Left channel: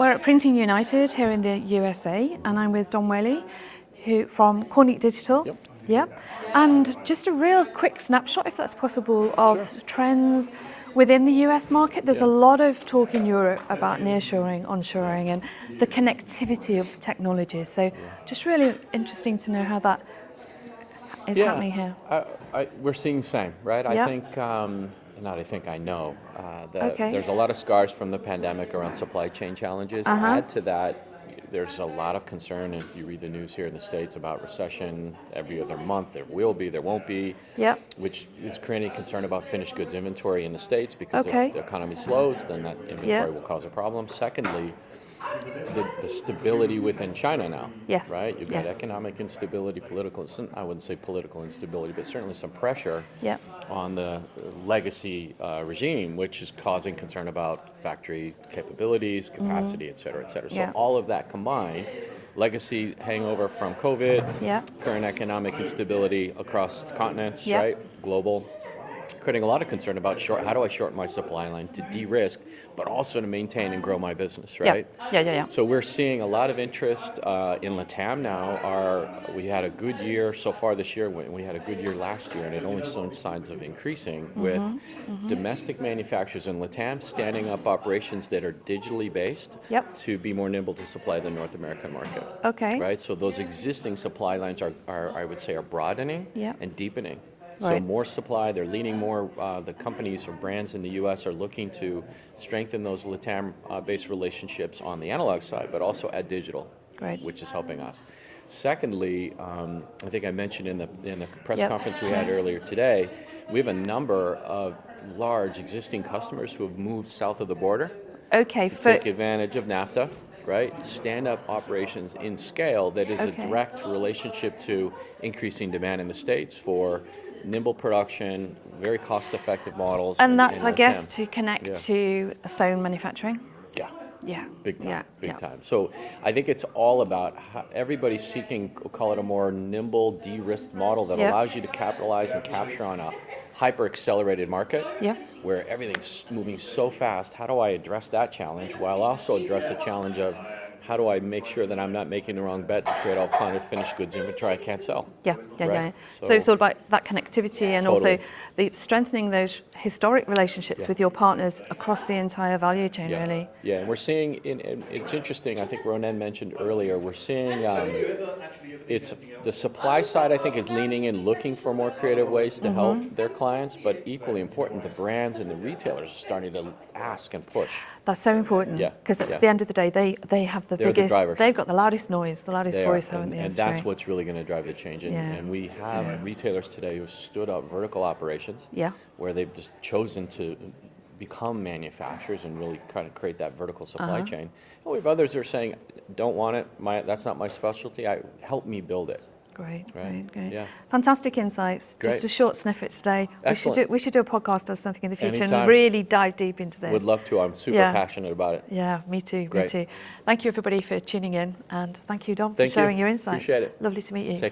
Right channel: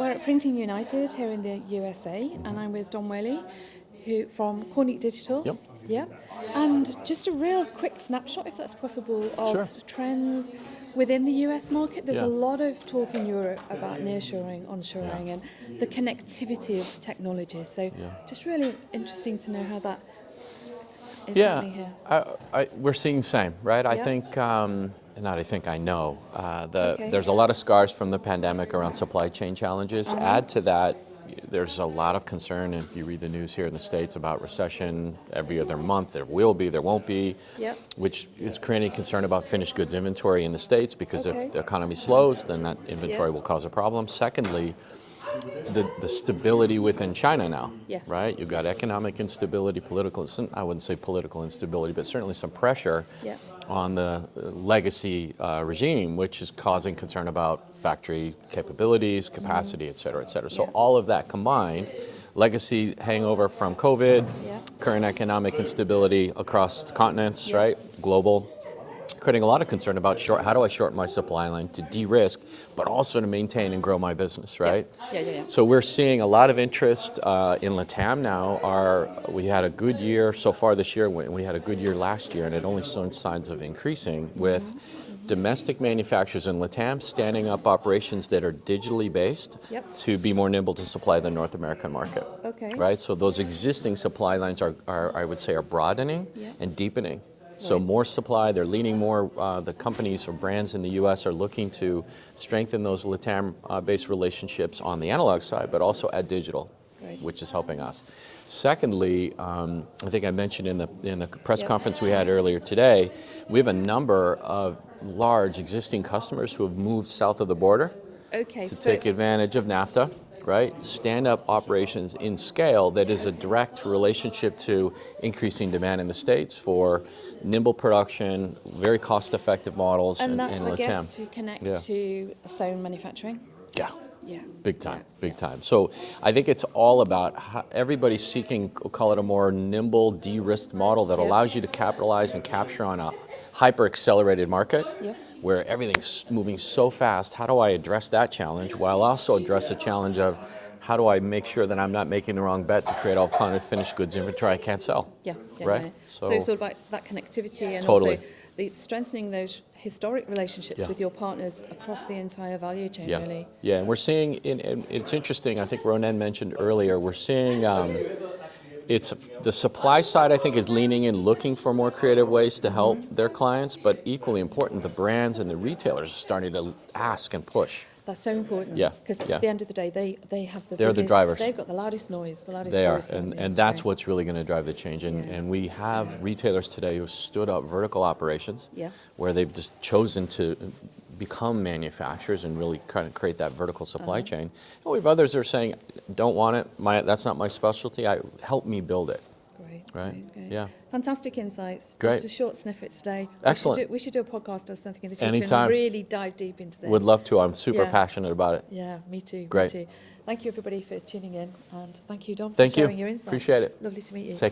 We're at Printing United here in the USA, and I'm with Don Whaley, from Kornit Digital. Yep. Yep. And just a real quick snapshot, if that's possible, of trends within the US market. There's a lot of talk in Europe about nearshoring, onshoring, and the connectivity of technologies. So just really interesting to know how that is happening here. We're seeing the same, right? Yeah. I think, I know that there's a lot of scars from the pandemic around supply chain challenges. Add to that, there's a lot of concern, if you read the news here in the States, about recession every other month. There will be, there won't be, which is creating concern about finished goods inventory in the States, because if the economy slows, then that inventory will cause a problem. Secondly, the stability within China now, right? You've got economic instability, I wouldn't say political instability, but certainly some pressure on the legacy regime, which is causing concern about factory capabilities, capacity, et cetera, et cetera. So all of that combined, legacy hangover from COVID, current economic instability across the continents, right? Global, creating a lot of concern about how do I shorten my supply line to de-risk, but also to maintain and grow my business, right? So we're seeing a lot of interest in LATAM now. We had a good year so far this year. We had a good year last year, and it only showed signs of increasing with domestic manufacturers in LATAM standing up operations that are digitally based to be more nimble to supply the North American market. Right? So those existing supply lines are I would say, are broadening and deepening. So more supply, they're leaning more, the companies or brands in the US are looking to strengthen those LATAM-based relationships on the analog side, but also add digital, which is helping us. Secondly, I think I mentioned in the press conference we had earlier today, we have a number of large existing customers who have moved south of the border to take advantage of NAFTA. Right? Stand up operations in scale that is a direct relationship to increasing demand in the States for nimble production, very cost-effective models. And that's, I guess, to connect to sewn manufacturing? Yeah. Big time, big time. So I think it's all about how everybody's seeking, we'll call it a more nimble, de-risked model that allows you to capitalize and capture on a hyper-accelerated market where everything's moving so fast. How do I address that challenge while also address the challenge of how do I make sure that I'm not making the wrong bet to create all kind of finished goods inventory I can't sell? So it's all about that connectivity and also the strengthening those historic relationships with your partners across the entire value chain, really. Yeah, and we're seeing, it's interesting, I think Ronan mentioned earlier, we're seeing it's the supply side, I think, is leaning in, looking for more creative ways to help their clients, but equally important, the brands and the retailers are starting to ask and push. That's so important, because at the end of the day, they have the biggest, the drivers. They've got the loudest noise, the loudest voice. And that's what's really going to drive the change. And we have retailers today who stood up vertical operations, where they've just chosen to become manufacturers and really kind of create that vertical supply chain. And we have others that are saying, don't want it, that's not my specialty, help me build it. Great. Yeah. Fantastic insights. Just a short snippet today. Excellent. We should do a podcast or something in the future Anytime. and really dive deep into this. Would love to. I'm super passionate about it. Yeah, me too. Great. Me too. Thank you, everybody, for tuning in, and thank you, Dom, for sharing your insights. Appreciate it. Lovely to meet you. Take care.